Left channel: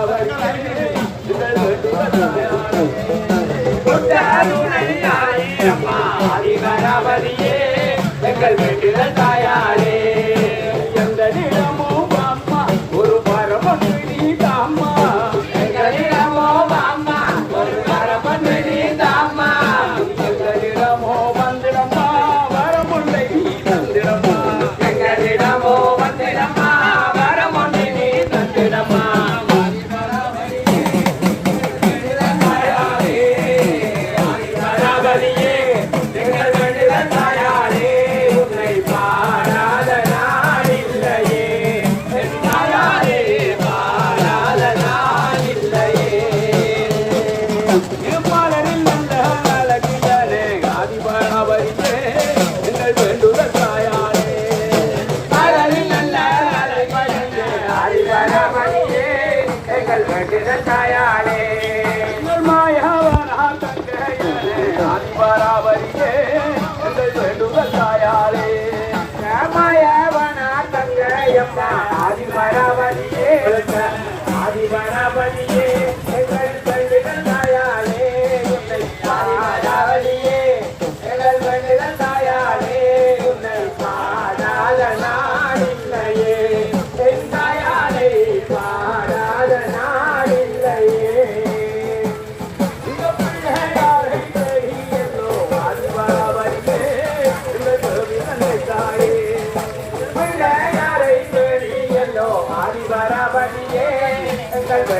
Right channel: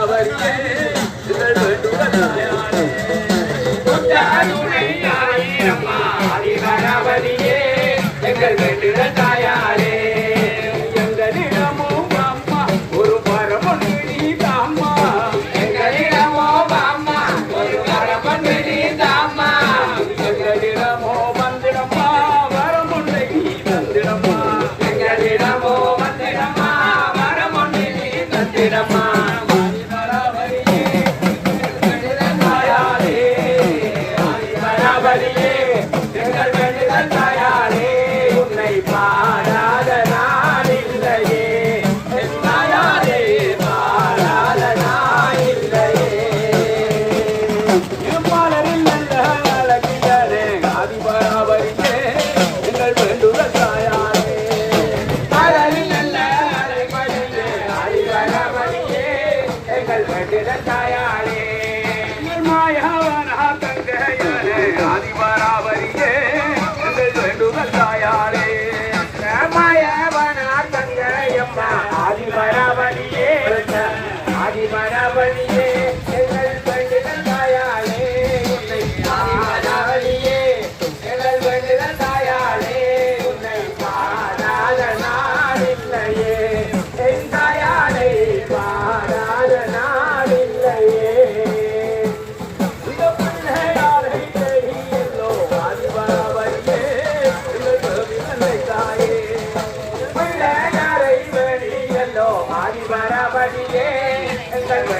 அவருக்கு Instagram.